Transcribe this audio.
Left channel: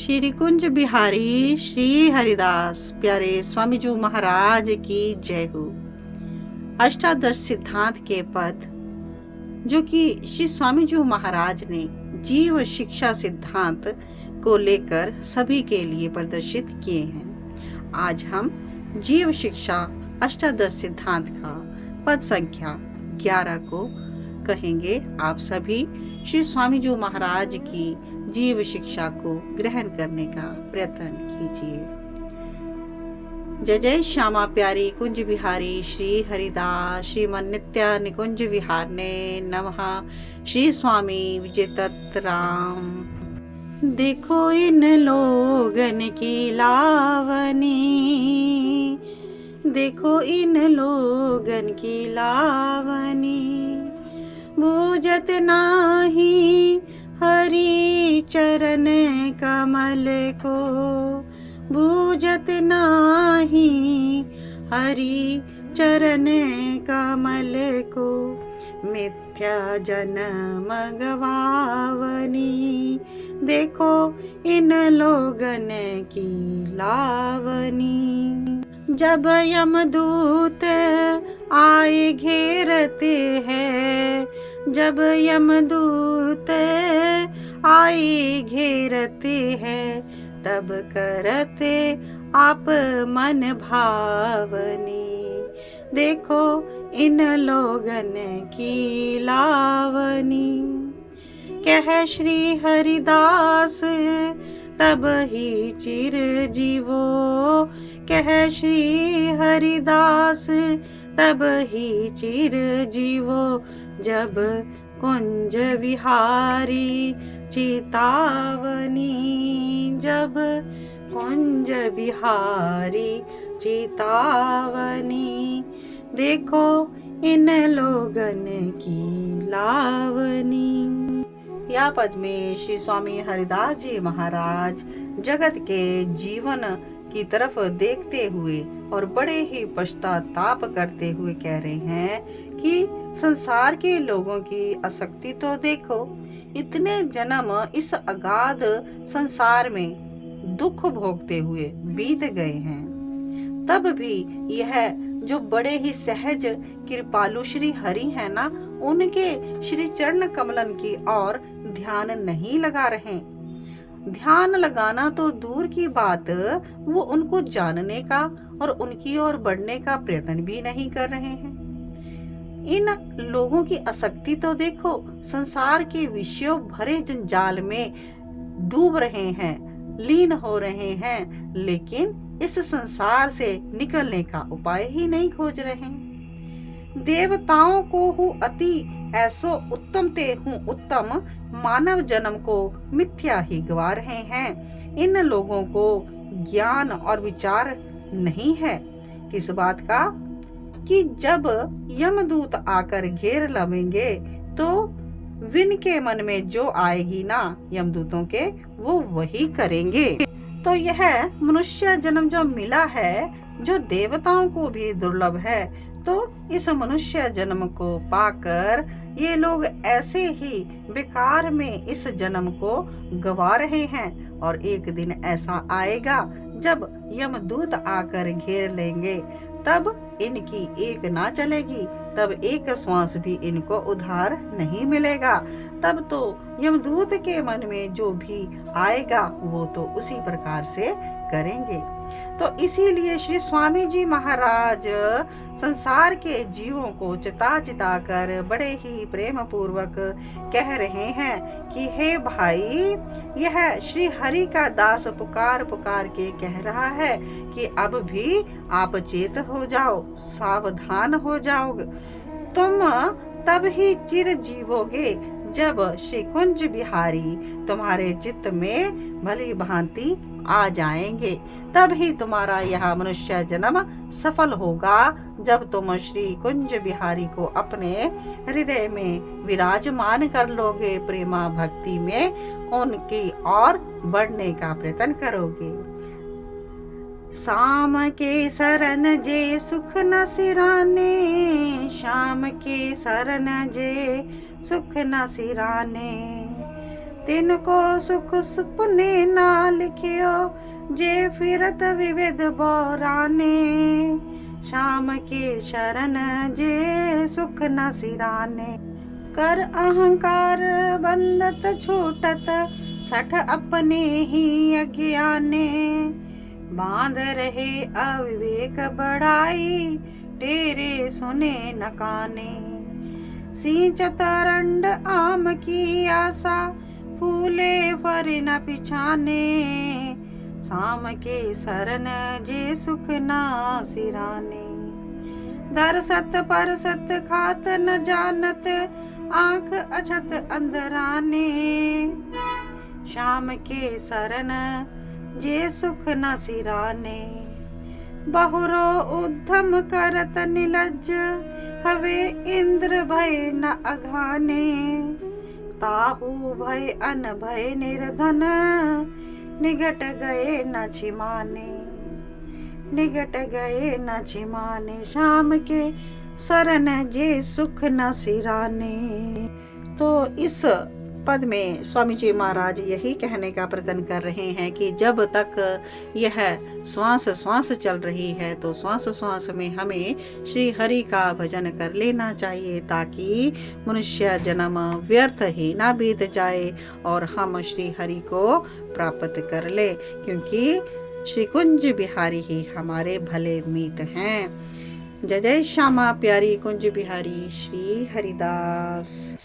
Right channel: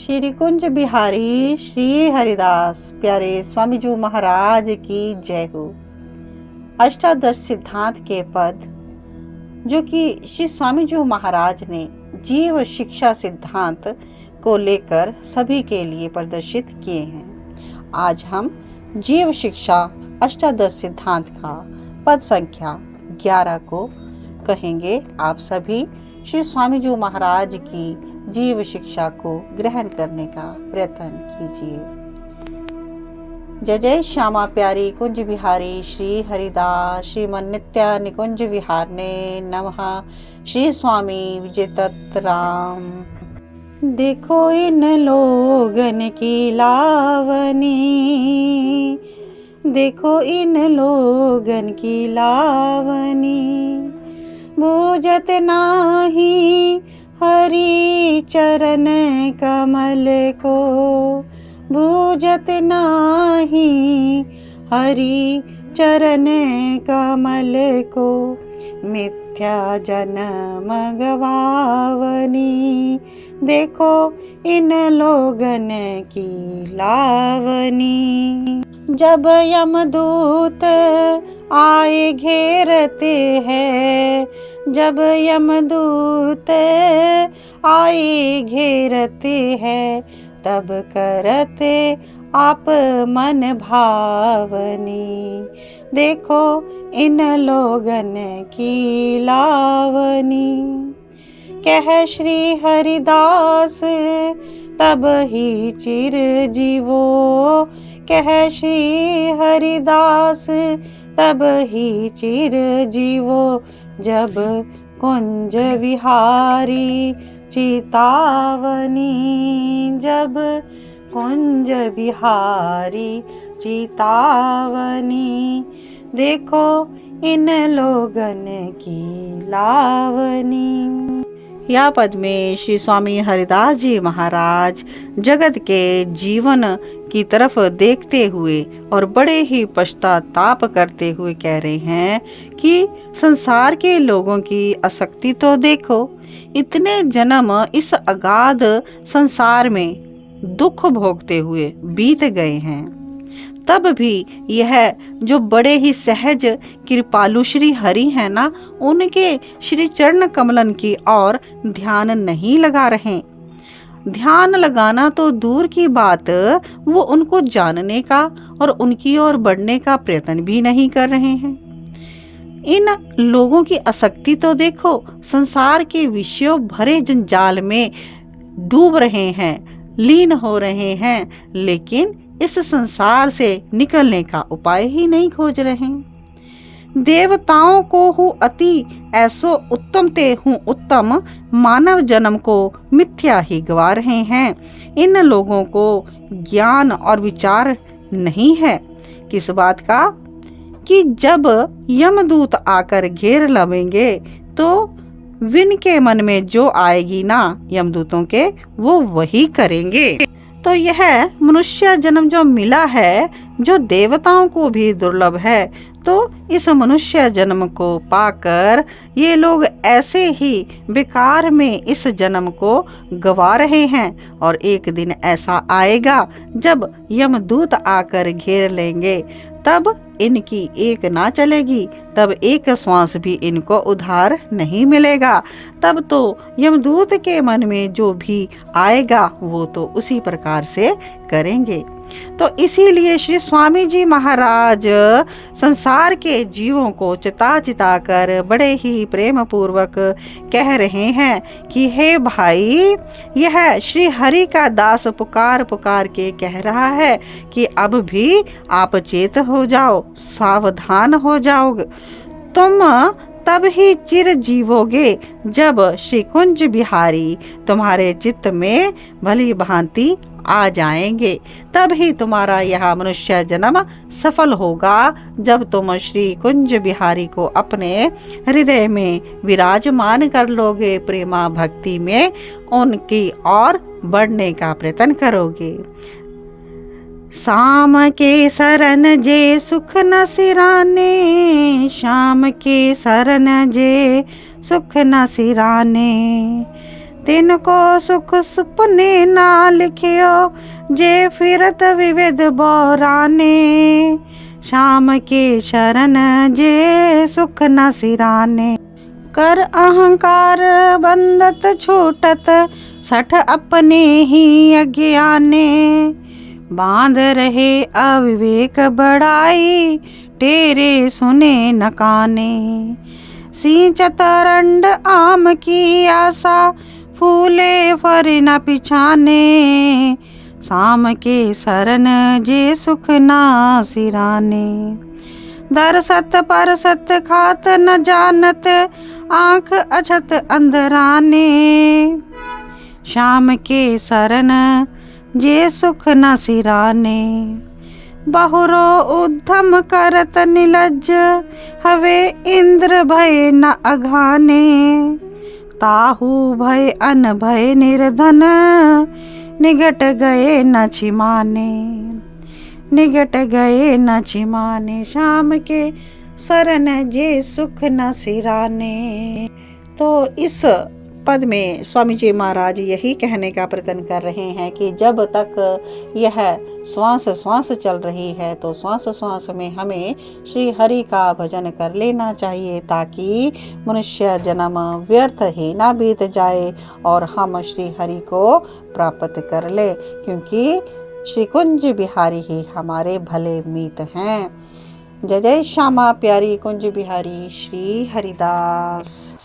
श्री कुंज बिहारी श्री हरिदास प्यारे स्वामी जी महाराज की जय हो। अष्टादश सिद्धांत के पद जो कि श्री स्वामी जी महाराज ने जीव शिक्षा सिद्धांत को लेकर सभी के लिए प्रदर्शित किए हैं। आज हम जीव शिक्षा अष्टादश सिद्धांत का पद संख्या 11 को कहेंगे। आप सभी श्री स्वामी जी महाराज की जीव शिक्षा को ग्रहण करने का प्रयत्न कीजिए। जय जय श्यामा प्यारी कुंज बिहारी श्री हरिदास श्रीमन नित्य निकुंज विहारने नमः। श्री स्वामी विजय तत् राम। देखो इन लोगन की लावनी, देखो इन लोगन की लावनी, बूझत नाही हरि चरण कमल को, बूझत नाही हरि चरण कमल को, मिथ्या जन्म गवावनी, देखो इन लोगन की लावनी। जब यमदूत आए घेरते हैं, जब यमदूत आए घेरते हैं, तब करते आप मन भावनी, देखो इन लोगन की लावनी। कह श्री हरिदास तब ही चिर जीवो, कह श्री हरिदास तब ही चिर जीवो, जब कुंज विहारी चितावनी, जब कुंज विहारी चितावनी, देखो इन लोगन की लावनी। या पद में श्री स्वामी हरिदास जी महाराज जगत के जीवन की तरफ देखते हुए और बड़े ही पश्चाताप करते हुए कह रहे हैं कि संसार के लोगों की आसक्ति तो देखो, इतने जन्म इस अगाध संसार में दुख भोगते हुए बीत गए हैं, तब भी यह जो बड़े ही सहज कृपालु श्री हरि है ना, उनके श्री चरण कमलन की ओर ध्यान नहीं लगा रहे। ध्यान लगाना तो दूर की बात, वो उनको जानने का और उनकी ओर बढ़ने का प्रयत्न भी नहीं कर रहे हैं। इन लोगों की आसक्ति तो देखो, संसार के विषयों भरे जंजाल में डूब रहे हैं, लीन हो रहे हैं, लेकिन इस संसार से निकलने का उपाय ही नहीं खोज रहे। देवताओं को हूँ अति ऐसो उत्तम ते हूँ उत्तम, मानव जन्म को मिथ्या ही गवा रहे हैं। इन लोगों को ज्ञान और विचार नहीं है किस बात का कि जब यमदूत आकर घेर लवेंगे तो विन के मन में जो आएगी ना यमदूतों के, वो वही करेंगे। तो यह मनुष्य जन्म जो मिला है, जो देवताओं को भी दुर्लभ है, तो इस मनुष्य जन्म को पाकर ये लोग ऐसे ही बेकार में इस जन्म को गवा रहे हैं। और एक दिन ऐसा आएगा जब यमदूत आकर घेर लेंगे, तब इनकी एक ना चलेगी, तब एक श्वास भी इनको उधार नहीं मिलेगा। तब तो यमदूत के मन में जो भी आएगा वो तो उसी प्रकार से करेंगे। तो इसीलिए श्री स्वामी जी महाराज संसार के जीवों को चिता चिता कर बड़े ही प्रेम पूर्वक कह रहे हैं कि हे भाई, यह श्री हरि का दास पुकार पुकार के कह रहा है कि अब भी आप चेत हो जाओ, सावधान हो जाओगे, तुम तब ही चिर जीवोगे जब श्री कुंज बिहारी तुम्हारे चित्त में भली भांति आ जाएंगे। तब ही तुम्हारा यह मनुष्य जन्म सफल होगा, जब तुम श्री कुंज बिहारी को अपने हृदय में विराजमान कर लोगे, प्रेमा भक्ति में उनकी ओर बढ़ने का प्रयत्न करोगे। शाम के शरण जे सुख न सिराने, शाम के शरण जे सुख न सिराने, तिनको सुख सुपने ना लिखियो, जे फिरत विविध बोराने। श्याम के शरण जे सुख न सिराने। कर अहंकार बंधत छूटत, सठ अपने ही अज्ञाने। बांध रहे अविवेक बढ़ाई, तेरे सुने न काने। सिंचत रंड आम की आशा, फूले फर न पिछाने। शाम के शरण जे सुख ना सिराने। दरसत परसत खात न जानत, आँख अछत अंधराने। श्याम के शरण जे सुख न सिराने। बहुरो उद्धम करत निलज्ज, हवे इंद्र भय न अघाने। ताहू भय अन भय निर्धन, निगट गए न छिमाने। निगट गए न छिमाने। श्याम के शरण जे सुख न सिराने। तो इस पद में स्वामी जी महाराज यही कहने का प्रयत्न कर रहे हैं कि जब तक यह श्वास श्वास चल रही है तो श्वास श्वास में हमें श्री हरि का भजन कर लेना चाहिए, ताकि मनुष्य जन्म व्यर्थ ही ना बीत जाए और हम श्री हरि को प्राप्त कर ले, क्योंकि श्री कुंज बिहारी ही हमारे भले मीत हैं। जय जय श्यामा प्यारी कुंज बिहारी श्री हरिदास।